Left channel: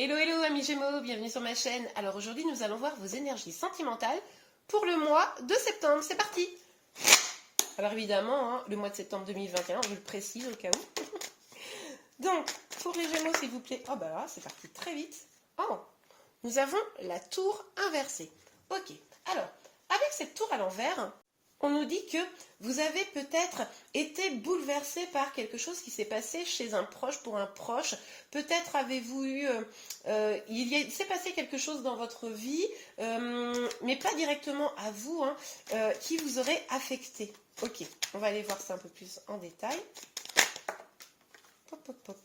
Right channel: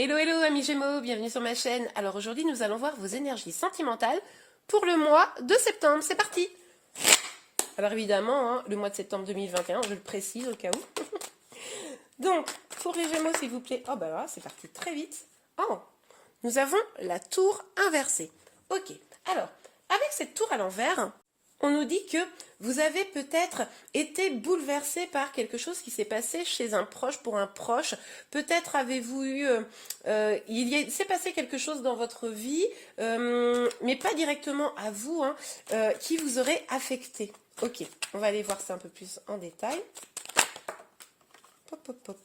Hello, hello amis Gémeaux, bienvenue sur ma chaîne. Alors aujourd'hui nous allons voir vos énergies sentimentales pour le mois de septembre. C'est parti. Alors évidemment, le mois de septembre 2021, je le précise au cas où. Donc, pour les Gémeaux s'il vous plaît. Oh bah voilà, c'est parti très vite. Oh, nous avons la tour inversée. Ok, alors, avec cette tour à l'envers, on nous dit que vous avez peut-être été bouleversé par quelque chose qui s'est passé chez un proche, pour un proche. Peut-être avez-vous eu... il s'est passé quelque chose dans votre vie, mais pas directement à vous, qui vous aurait affecté. Ok, on va aller voir ça un peu plus en détail. Pop, pop, pop.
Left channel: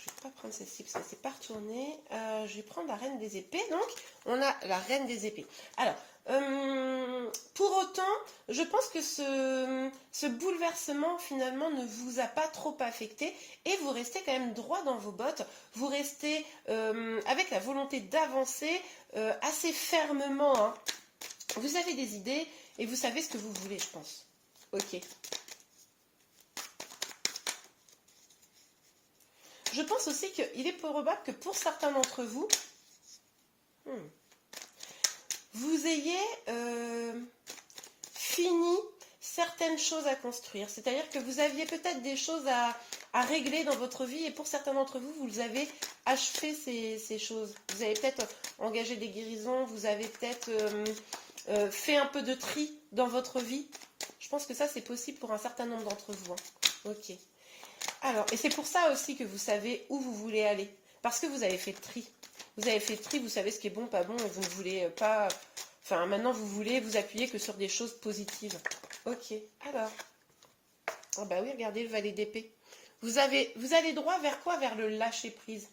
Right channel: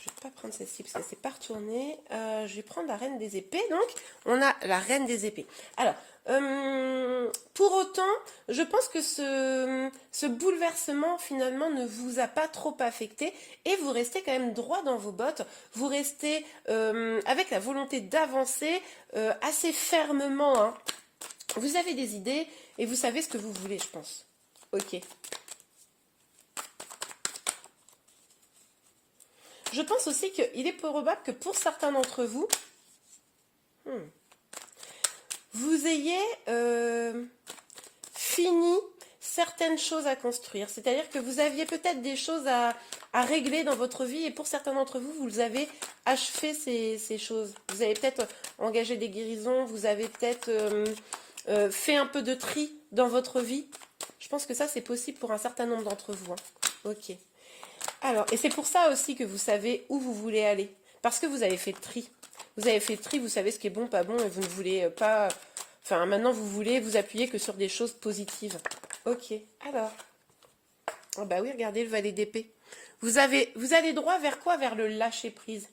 Je vais pas prendre celle-ci parce qu'elle ne s'est pas retournée. Je vais prendre la reine des épées. Donc, on a la reine des épées. Alors, pour autant, je pense que ce bouleversement, finalement, ne vous a pas trop affecté. Et vous restez quand même droit dans vos bottes. Vous restez avec la volonté d'avancer assez fermement. Vous avez des idées et vous savez ce que vous voulez, je pense. Ok. Je pense aussi qu'il est probable que pour certains d'entre vous, vous ayez fini certaines choses à construire. C'est-à-dire que vous aviez peut-être des choses à régler dans votre vie et pour certains d'entre vous, vous avez achevé ces choses. Vous avez peut-être engagé des guérisons, vous avez peut-être fait un peu de tri dans votre vie. Je pense que ça, c'est possible pour un certain nombre d'entre vous. Ok. Alors, et c'est pour ça aussi que vous savez où vous voulez aller. Parce que vous avez fait le tri. Vous avez fait le tri, vous savez ce qui est bon, pas bon, et vous ne voulez pas... Enfin, maintenant, vous voulez vous appuyer que sur des choses positives. Ok, alors. Oh bah oui, regardez le valet d'épée. Vous allez droit vers quoi? Vers le lâcher-prise.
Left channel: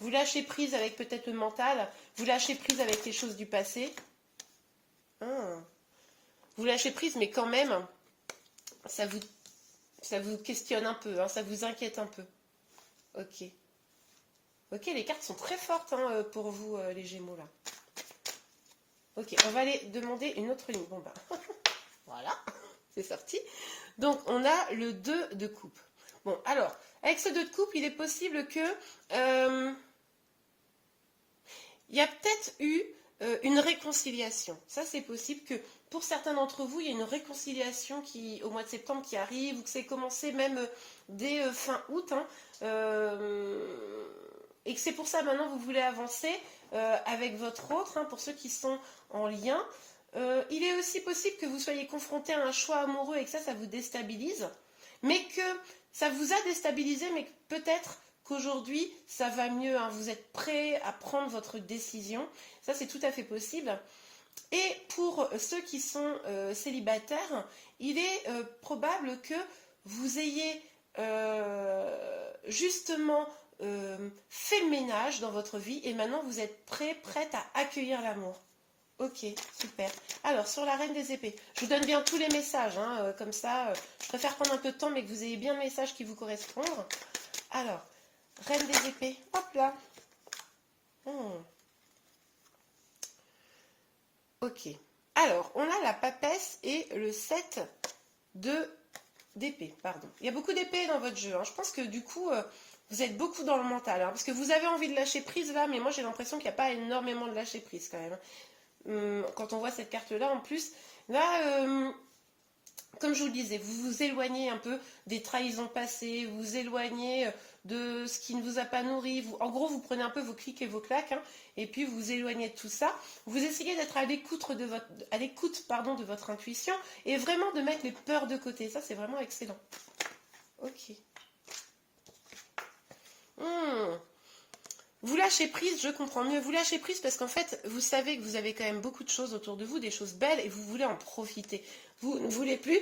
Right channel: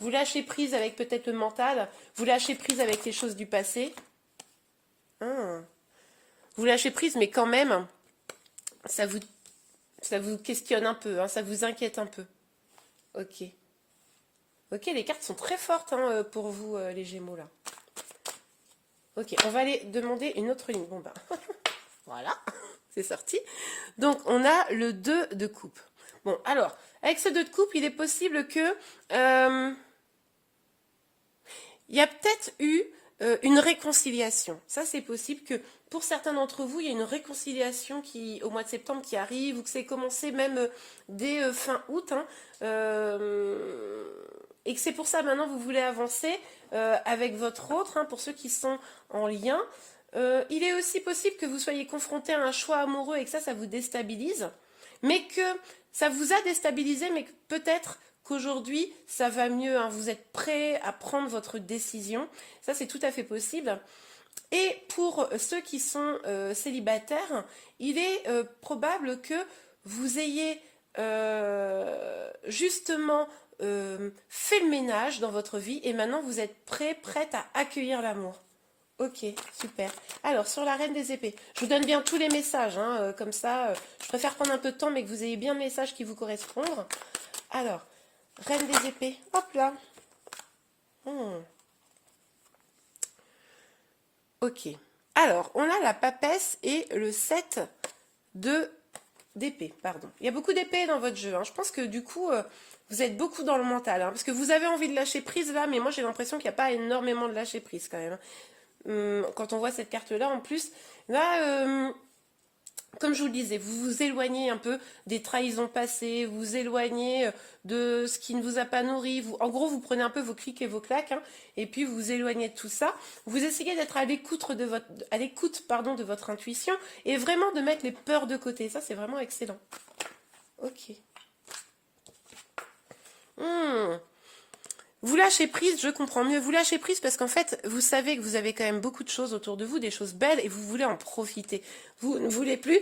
Vous lâchez prise avec peut-être le mental. Vous lâchez prise avec les choses du passé. Vous lâchez prise, mais quand même, ça vous questionne un peu, ça vous inquiète un peu. Ok. Ok, les cartes sont très fortes pour vous, les Gémeaux, là. Ok, on va aller demander une autre ligne. Bon, ben, voilà, c'est sorti. Donc, on a le 2 de coupe. Bon, alors, avec ce 2 de coupe, il est possible que... il y a peut-être eu une réconciliation. Ça, c'est possible que pour certains d'entre vous, il y a une réconciliation au mois de septembre qui arrive, ou que c'est commencé même dès fin août, et que c'est pour ça maintenant vous voulez avancer avec votre autre, pour ceux qui sont en lien. Il est aussi possible que vous soyez confronté à un choix amoureux et que ça vous déstabilise, mais que ça vous a déstabilisé, mais que peut-être qu'aujourd'hui ça va mieux, vous êtes prêt à prendre votre décision. Ça, c'est tout à fait possible. Et pour ceux qui sont célibataires, il est probable que vous ayez justement fait le ménage dans votre vie et maintenant vous êtes prête à accueillir l'amour. Ok, super. Alors, sur la reine des épées, je vous donne bien tous les messages, comme ça, je préfère prendre un peu de temps, mais que vous ayez bien le message qui vous correspond. Alors, reine des épées, hop là. Ok. Alors, on a la papesse et le 7 d'épée, pardon. Il y a beaucoup d'épées dans votre jeu. Je pense que du coup, vous êtes beaucoup dans le mental. Parce que vous avez envie de lâcher prise là, mais moi j'ai l'impression qu'il n'y a pas énormément de lâcher prise quand même. Quand on voit cette carte-là, en plus, là, comme je vous le disais, vous vous éloignez un peu des trahisons passées, vous vous éloignez de ce qui ne vous a pas nourri. En gros, vous prenez un peu vos clics et vos claques, et puis vous vous éloignez de tout ça. Vous essayez d'être à l'écoute de votre intuition et vraiment de mettre les peurs de côté. Ça, c'est vraiment excellent. Ok. Vous lâchez prise, je comprends mieux. Vous lâchez prise parce qu'en fait, vous savez que vous avez quand même beaucoup de choses autour de vous, des choses belles, et vous voulez en profiter. Vous ne voulez plus,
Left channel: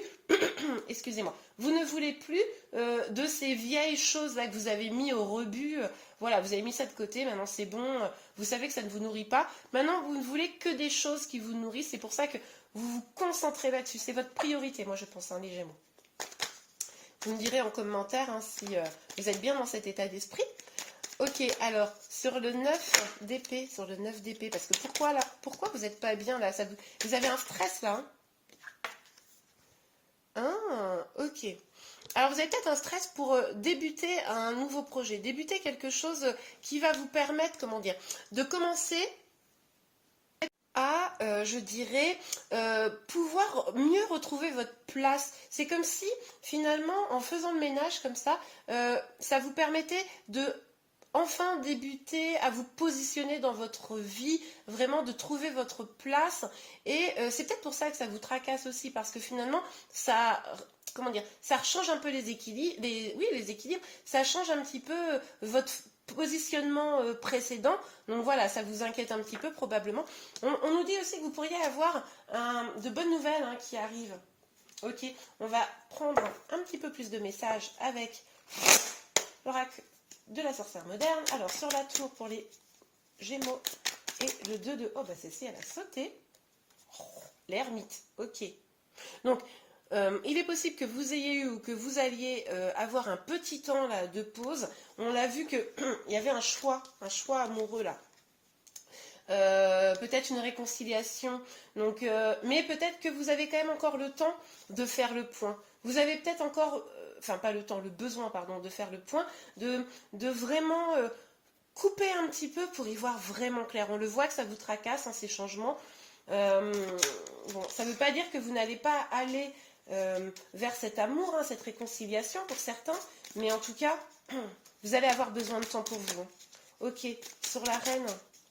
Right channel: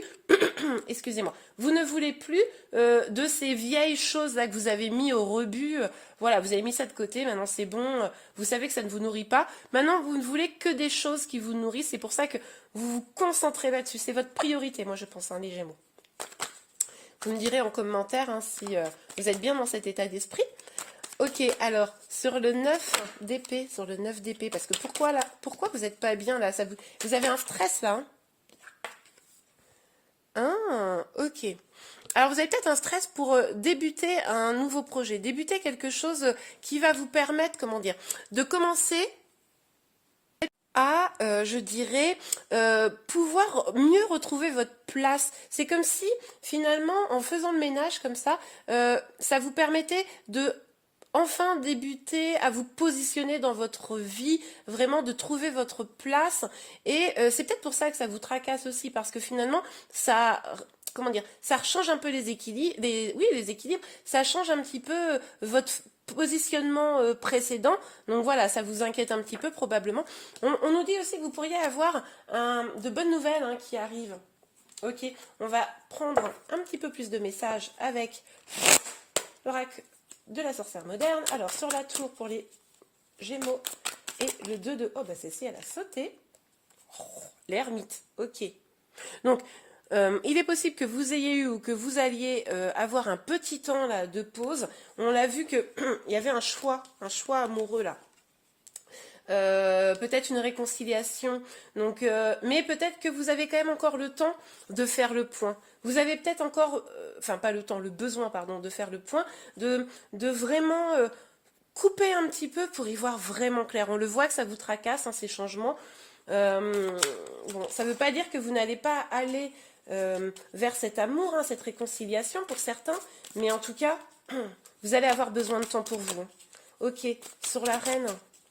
excusez-moi, vous ne voulez plus de ces vieilles choses-là que vous avez mis au rebut. Voilà, vous avez mis ça de côté, maintenant c'est bon, vous savez que ça ne vous nourrit pas. Maintenant, vous ne voulez que des choses qui vous nourrissent, c'est pour ça que vous vous concentrez là-dessus. C'est votre priorité, moi je pense, les Gémeaux. Vous me direz en commentaire si vous êtes bien dans cet état d'esprit. Ok, alors, sur le 9 d'épée, parce que pourquoi vous n'êtes pas bien là? Vous avez un stress là, ok. Alors vous avez peut-être un stress pour débuter un nouveau projet, débuter quelque chose qui va vous permettre, comment dire, de commencer à, je dirais, pouvoir mieux retrouver votre place. C'est comme si, finalement, en faisant le ménage comme ça vous permettait de enfin débuter à vous positionner dans votre vie, vraiment de trouver votre place. Et c'est peut-être pour ça que ça vous tracasse aussi, parce que finalement, ça, comment dire, ça change un peu les équilibres, oui, les équilibres, ça change un petit peu votre positionnement précédent. Donc voilà, ça vous inquiète un petit peu probablement. On nous dit aussi que vous pourriez avoir de bonnes nouvelles qui arrivent. Ok, on va prendre un petit peu plus de messages avec l'oracle de la sorcière moderne. Alors, sur la tour pour les Gémeaux et le 2 de... Oh, bah celle-ci, elle a sauté. Oh, l'ermite, ok. Donc, il est possible que vous ayez eu ou que vous alliez avoir un petit temps là, de pause. On l'a vu qu'il y avait un choix amoureux là. Peut-être une réconciliation. Donc, mais peut-être que vous avez quand même encore le temps de faire le point. Vous avez peut-être encore, enfin pas le temps, le besoin, pardon, de faire le point, de vraiment couper un petit peu pour y voir vraiment clair. On le voit que ça vous tracasse, ces changements. Bon, ça ne veut pas dire que vous n'allez pas aller vers cet amour, cette réconciliation pour certains, mais en tout cas, vous allez avoir besoin de temps pour vous. Ok, sur la reine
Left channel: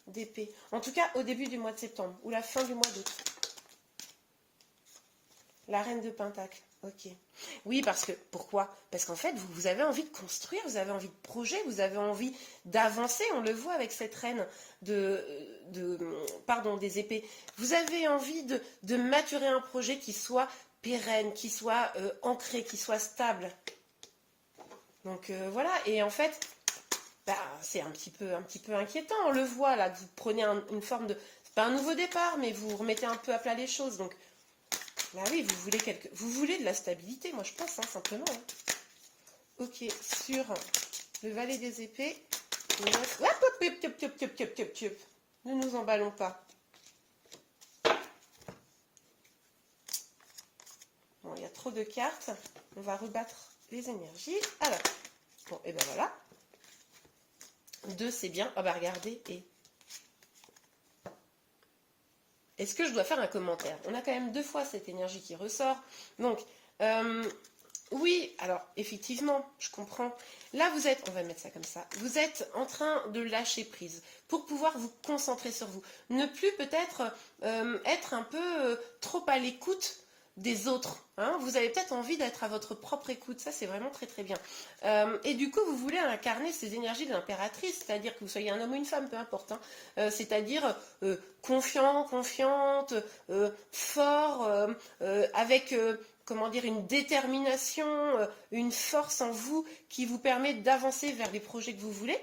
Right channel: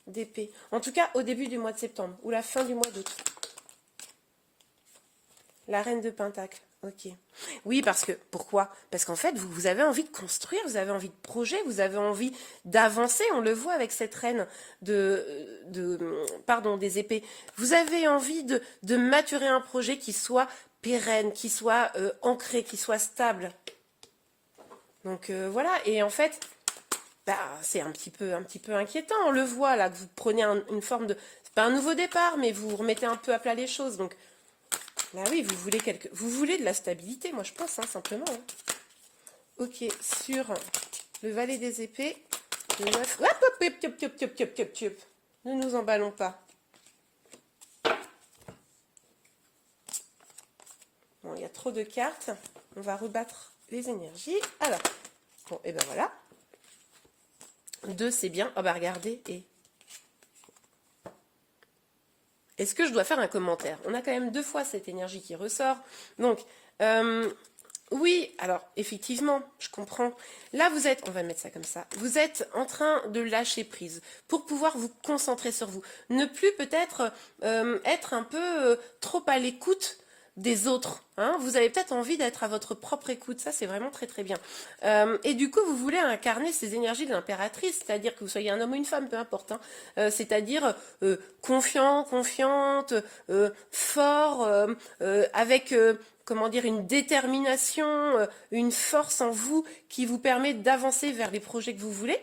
d'épée. En tout cas, au début du mois de septembre ou la fin du mois d'août. La reine de Pentacle. Ok. Oui, parce que, pourquoi? Parce qu'en fait, vous avez envie de construire, vous avez envie de projet, vous avez envie d'avancer. On le voit avec cette reine pardon, des épées. Vous avez envie de maturer un projet qui soit pérenne, qui soit ancré, qui soit stable. Donc voilà. Et en fait, bah, c'est un petit peu inquiétant. On le voit là, que vous prenez une forme de, c'est pas un nouveau départ, mais vous remettez un peu à plat les choses. Donc là oui, vous voulez de la stabilité, moi je pense, simplement. Ok, sur le valet des épées, le 9. Hop, hop. Ne nous emballons pas. Bon, il y a trop de cartes. On va rebattre les énergies. Alors, bon, et ben voilà. 2, c'est bien. Ah bah regardez, et... Est-ce que je dois faire un commentaire? On a quand même 2 fois cette énergie qui ressort. Donc, oui, alors, effectivement, je comprends. Là, vous êtes, on va mettre ça comme ça, vous êtes en train de lâcher prise pour pouvoir vous concentrer sur vous. Ne plus peut-être être un peu trop à l'écoute des autres. Vous avez peut-être envie d'être à votre propre écoute. Ça, c'est vraiment très, très bien. Et du coup, vous voulez incarner ces énergies de l'impératrice, c'est-à-dire que vous soyez un homme ou une femme, peu importe. C'est-à-dire confiant, confiante, fort, avec... comment dire, une détermination, une force en vous qui vous permet d'avancer vers les projets que vous voulez.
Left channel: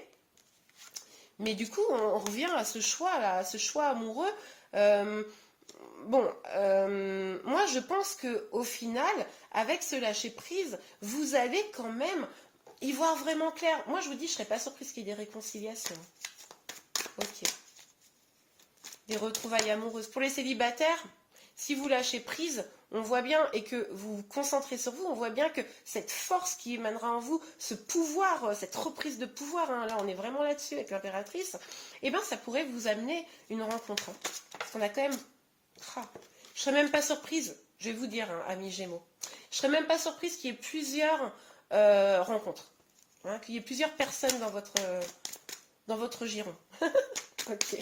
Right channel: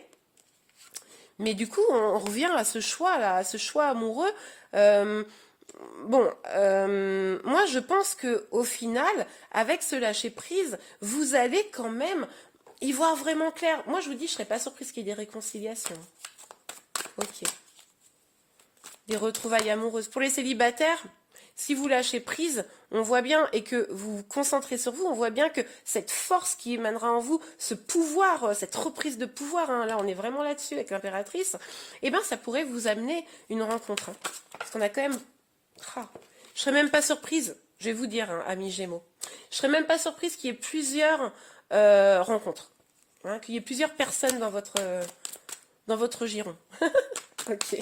Mais du coup, on revient à ce choix-là, à ce choix amoureux. Moi, je pense qu'au final, avec ce lâcher-prise, vous allez quand même y voir vraiment clair. Moi, je vous dis, je ne serais pas surprise qu'il y ait des réconciliations. Ok. Des retrouvailles amoureuses. Pour les célibataires, si vous lâchez prise, on voit bien, et que vous vous concentrez sur vous, on voit bien que cette force qui émanera en vous, ce pouvoir, cette reprise de pouvoir, là on est vraiment là-dessus avec l'impératrice, et bien ça pourrait vous amener une rencontre. Parce qu'on a quand même... je serais même pas surprise, je vais vous dire, amis Gémeaux, je serais même pas surprise qu'il y ait plusieurs rencontres, qu'il y ait plusieurs personnes dans votre giron. Ok,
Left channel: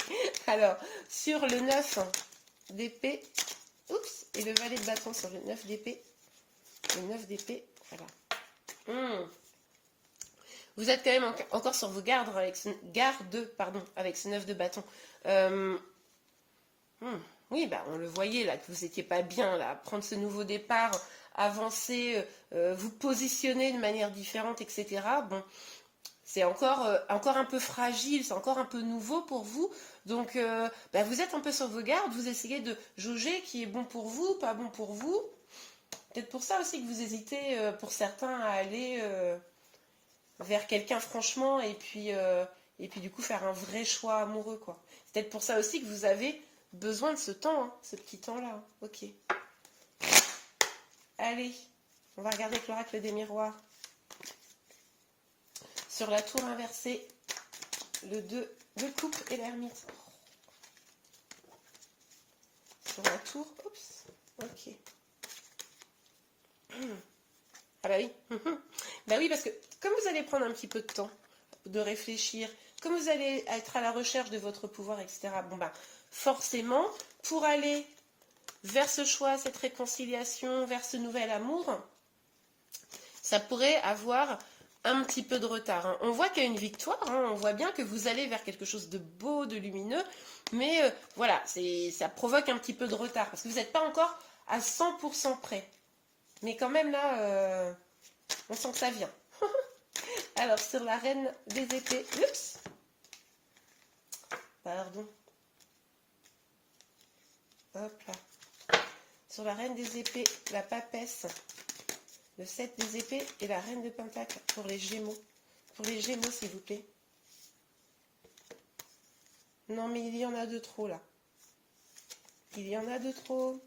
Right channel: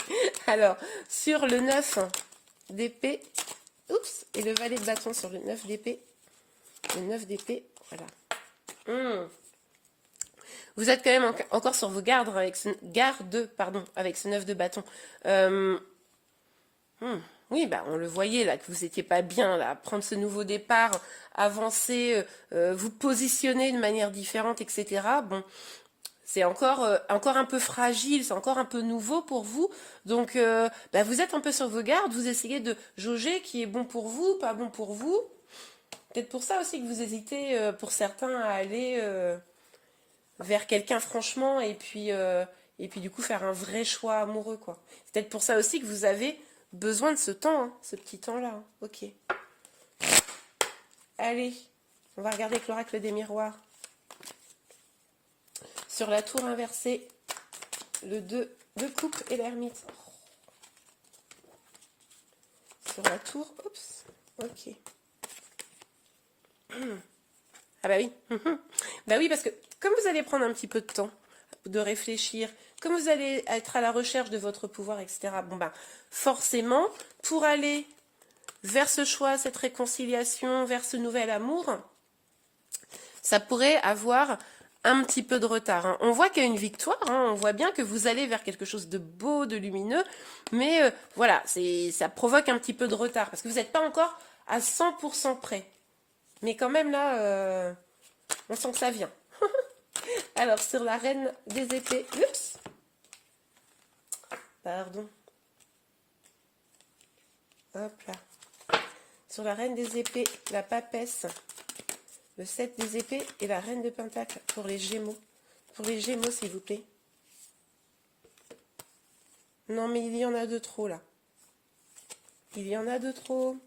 alors, sur le 9 d'épée, oups, et le valet de bâton sur le 9 d'épée, voilà. Vous êtes quand même encore sur vos gardes avec ce, avec ce 9 de bâton. Oui, bah, on le voyait là, que vous n'étiez pas bien là, prendre ce nouveau départ, avancer, vous positionner de manière différente, etc. Bon, c'est encore un peu fragile, c'est encore un peu nouveau pour vous. Donc, vous êtes un peu sur vos gardes, vous essayez de jauger qui est bon pour vous, pas bon pour vous. Peut-être pour ça aussi que vous hésitez, pour certains, à aller vers quelqu'un franchement et puis du coup faire un vrai choix amoureux, quoi. C'est peut-être pour ça aussi que vous avez besoin de ce temps, ce petit temps-là. Ok. Allez, On va regarder avec l'oracle des miroirs. Sur la tour inversée, le 2 de coupe et l'ermite. Sur la tour, oups, ok. Ah bah oui, bah oui, parce que comme vous allez prendre un petit peu de temps de réfléchir, comme vous allez être à la recherche de votre pouvoir, etc., bon bah forcément, pour aller vers ce choix, cette réconciliation, vers ce nouvel amour, ça pourrait avoir un petit peu de retard. Hein. On voit qu'il y a une victoire, hein. On voit bien que vous allez vers quelque chose de beau, de lumineux, mais voilà, ça provoque un petit peu de retard, parce que vous n'êtes pas encore à 100% prêt. Mais quand même là, on sent que ça vient. Alors, sur la reine des épées, oups, pardon, hop là, sur la reine des épées, la papesse, le 7 des épées et la reine de pentacles pour les gémeaux. Pour les gémeaux, s'il vous plaît. Non, mais il y en a de trop, là. Il y en a de trop.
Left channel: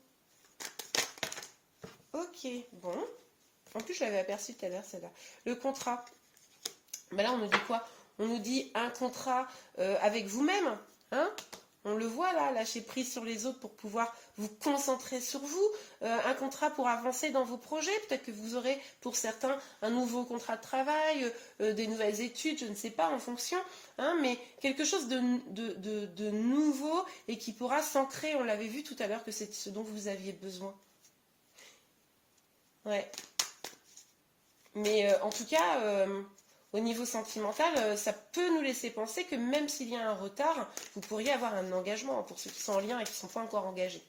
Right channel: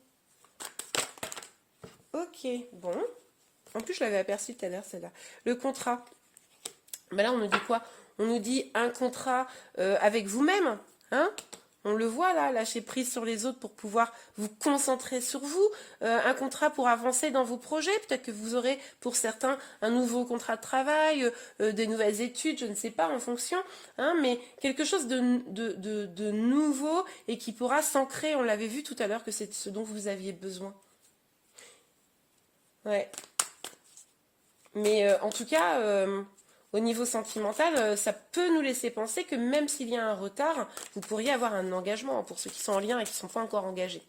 Ok, bon. En plus, je l'avais aperçu tout à l'heure, celle-là. Le contrat. Ben là, on nous dit quoi? On nous dit un contrat avec vous-même, hein? On le voit là, lâcher prise sur les autres pour pouvoir vous concentrer sur vous. Un contrat pour avancer dans vos projets. Peut-être que vous aurez pour certains un nouveau contrat de travail, des nouvelles études, je ne sais pas, en fonction. Hein, mais quelque chose de nouveau et qui pourra s'ancrer. On l'avait vu tout à l'heure que c'est ce dont vous aviez besoin. Ouais. Mais en tout cas... au niveau sentimental, ça peut nous laisser penser que même s'il y a un retard, vous pourriez avoir un engagement. Pour ceux qui sont en lien et qui ne sont pas encore engagés,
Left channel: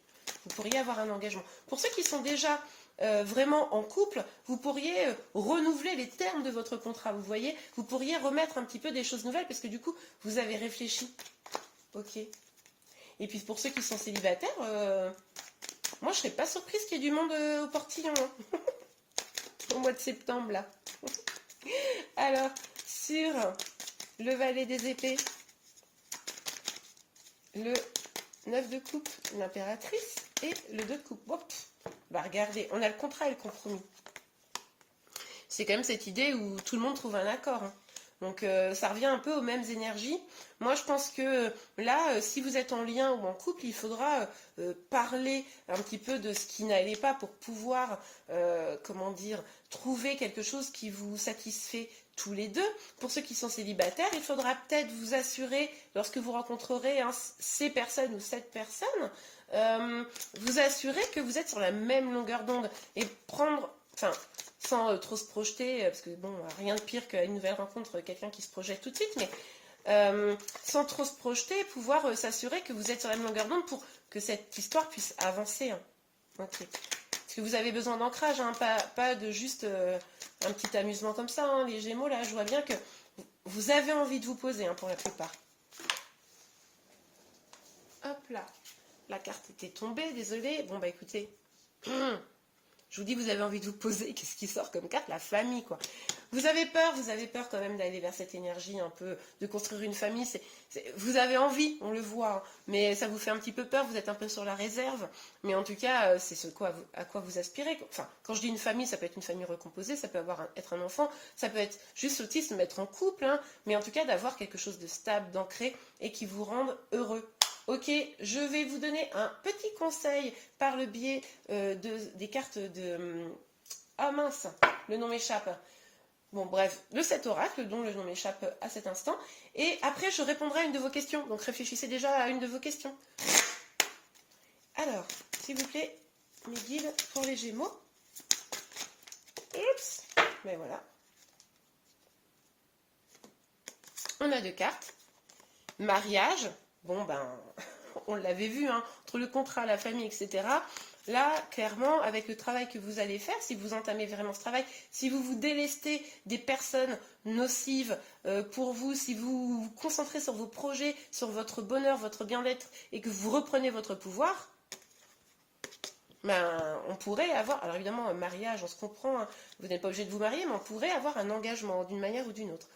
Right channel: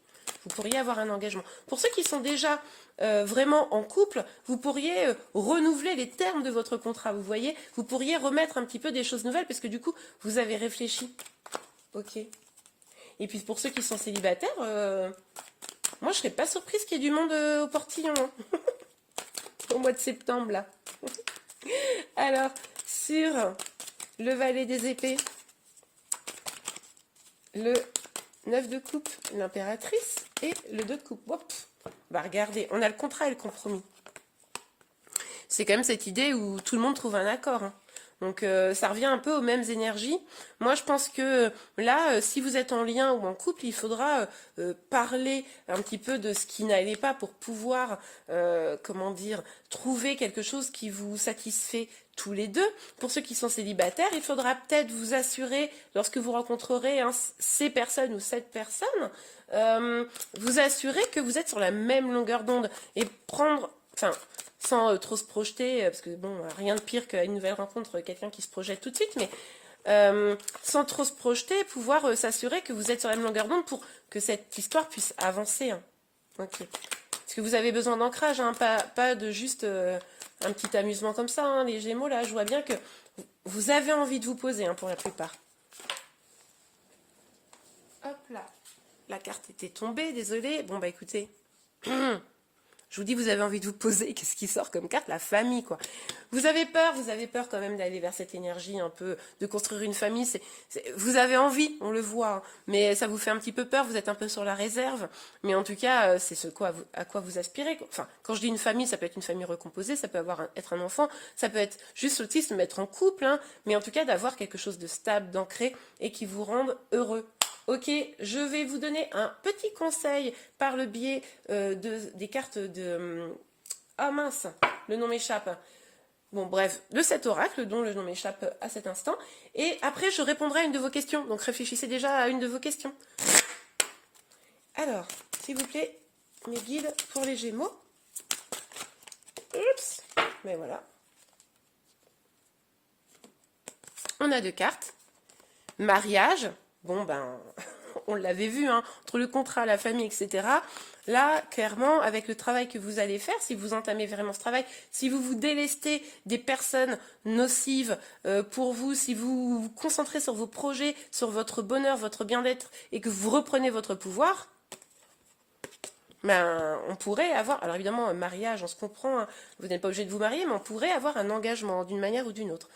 vous pourriez avoir un engagement. Pour ceux qui sont déjà vraiment en couple, vous pourriez renouveler les termes de votre contrat. Vous voyez, vous pourriez remettre un petit peu des choses nouvelles parce que du coup, vous avez réfléchi. Ok. Et puis pour ceux qui sont célibataires, moi je serais pas surprise qu'il y ait du monde au portillon. Hein. Au mois de septembre, là. Alors, sur le valet des épées, le 9 de coupe, l'impératrice, et le 2 de coupe. Hop, bah regardez, on a le contrat et le compromis. C'est quand même cette idée où tout le monde trouve un accord. Hein. Donc ça revient un peu aux mêmes énergies. Moi je pense que là, si vous êtes en lien ou en couple, il faudra parler un petit peu de ce qui n'allait pas pour pouvoir, comment dire, trouver quelque chose qui vous satisfait tous les deux. Pour ceux qui sont célibataires, il faudra peut-être vous assurer, lorsque vous rencontrerez ces personnes ou cette personne, vous assurer que vous êtes sur la même longueur d'onde et prendre... Enfin, sans trop se projeter, parce que bon, rien de pire qu'à une nouvelle rencontre, quelqu'un qui se projette tout de suite, mais sans trop se projeter, pouvoir s'assurer que vous êtes sur la même longueur d'onde pour que cette histoire puisse avancer. Hein. Okay. Parce que vous avez besoin d'ancrage, hein, pas de juste un petit amusement comme ça. Hein. Les Gémeaux, là, je vois bien que vous avez envie de vous poser, hein, pour la plupart. Hop là, la carte était tombée, désolée. Bon, bah écoutez... Je vous dis, vous avez envie de vous poser. Qu'est-ce qui sort comme carte? La famille, quoi. Vous avez peur quand même d'aller vers cette énergie un peu, de construire une famille. Vous avez envie, on le voit, hein, mais ça vous fait un petit peu peur, vous êtes un peu sur la réserve. Mais en tout cas, c'est à quoi vous aspirez. Enfin, quand je dis une famille, ça peut être une famille recomposée, ça peut être un enfant, ça peut être juste aussi se mettre en couple, hein, mais en tout cas d'avoir quelque chose de stable, d'ancré et qui vous rende heureux. Ok, je vais vous donner un petit conseil par le biais des cartes de... Ah mince, le nom m'échappe. Bon bref, de cet oracle dont le nom m'échappe à cet instant. Et après, je répondrai à une de vos questions. Donc réfléchissez déjà à une de vos questions. Alors, s'il vous plaît, mes guides pour les Gémeaux. Oups, ben voilà. On a 2 cartes. Mariage. Bon, ben, on l'avait vu, hein, entre le contrat, la famille, etc. Là, clairement, avec le travail que vous allez faire, si vous entamez vraiment ce travail, si vous vous délestez des personnes nocives pour vous, si vous vous concentrez sur vos projets, sur votre bonheur, votre bien-être, et que vous reprenez votre pouvoir, ben, on pourrait avoir, alors évidemment, un mariage, on se comprend, hein, vous n'êtes pas obligé de vous marier, mais on pourrait avoir un engagement d'une manière ou d'une autre.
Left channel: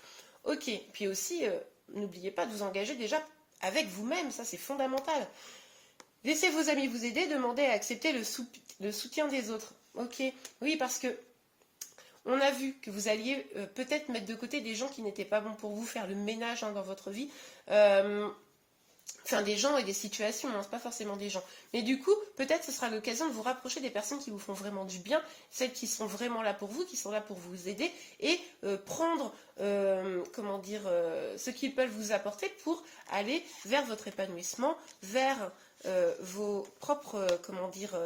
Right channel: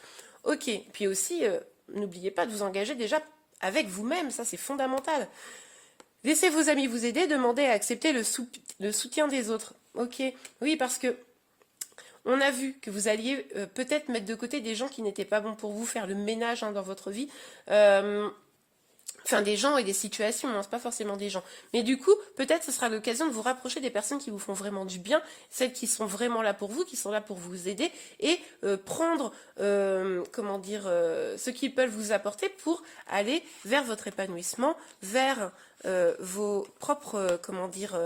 Ok, puis aussi, n'oubliez pas de vous engager déjà avec vous-même, ça c'est fondamental. Laissez vos amis vous aider, demandez à accepter le soutien des autres. Ok, oui, parce que On a vu que vous alliez peut-être mettre de côté des gens qui n'étaient pas bons pour vous, faire le ménage dans votre vie. Enfin, des gens et des situations, hein, c'est pas forcément des gens. Mais du coup, peut-être ce sera l'occasion de vous rapprocher des personnes qui vous font vraiment du bien, celles qui sont vraiment là pour vous, qui sont là pour vous aider, et prendre, comment dire, ce qu'ils peuvent vous apporter pour aller vers votre épanouissement, vers vos propres, comment dire,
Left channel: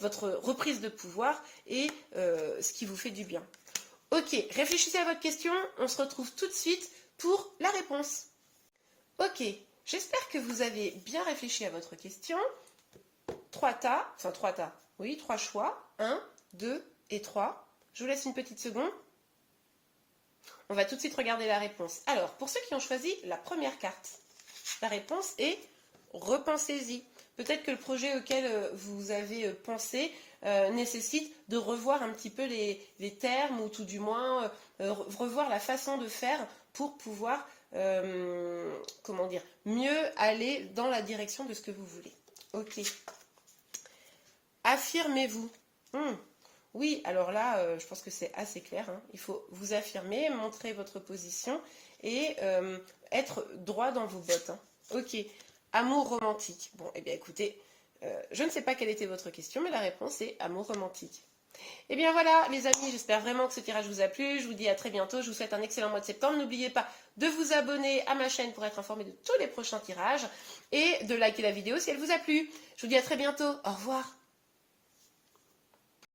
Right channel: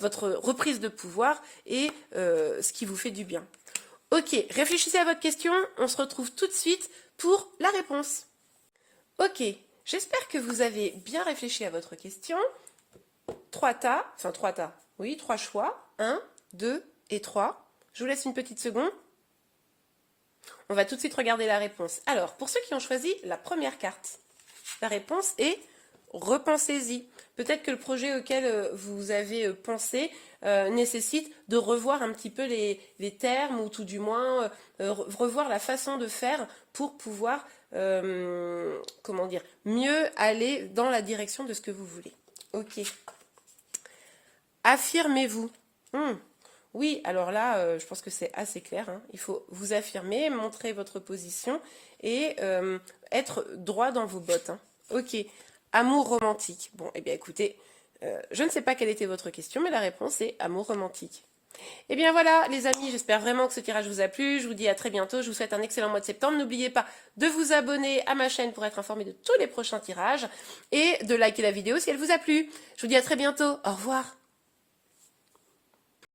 votre reprise de pouvoir et ce qui vous fait du bien. Ok, réfléchissez à votre question, on se retrouve tout de suite pour la réponse. Ok. J'espère que vous avez bien réfléchi à votre question. 3 choix. 1, 2 et 3. Je vous laisse une petite seconde. On va tout de suite regarder la réponse. Alors, pour ceux qui ont choisi la première carte, la réponse est repensez-y. Peut-être que le projet auquel vous avez pensé nécessite de revoir un petit peu les termes ou tout du moins revoir la façon de faire pour pouvoir comment dire, mieux aller dans la direction de ce que vous voulez. Ok. Affirmez-vous. Oui, alors là, je pense que c'est assez clair. Hein. Il faut vous affirmer, montrer votre position et être droit dans vos bottes. Hein. Ok. Amour romantique. Bon, eh bien écoutez, je ne sais pas quelle était votre question, mais la réponse est amour romantique. Et bien voilà les amis, j'espère vraiment que ce tirage vous a plu, je vous dis à très bientôt, je vous souhaite un excellent mois de septembre, n'oubliez pas de vous abonner à ma chaîne pour être informé de tous les prochains tirages et de liker la vidéo si elle vous a plu. Je vous dis à très bientôt, au revoir.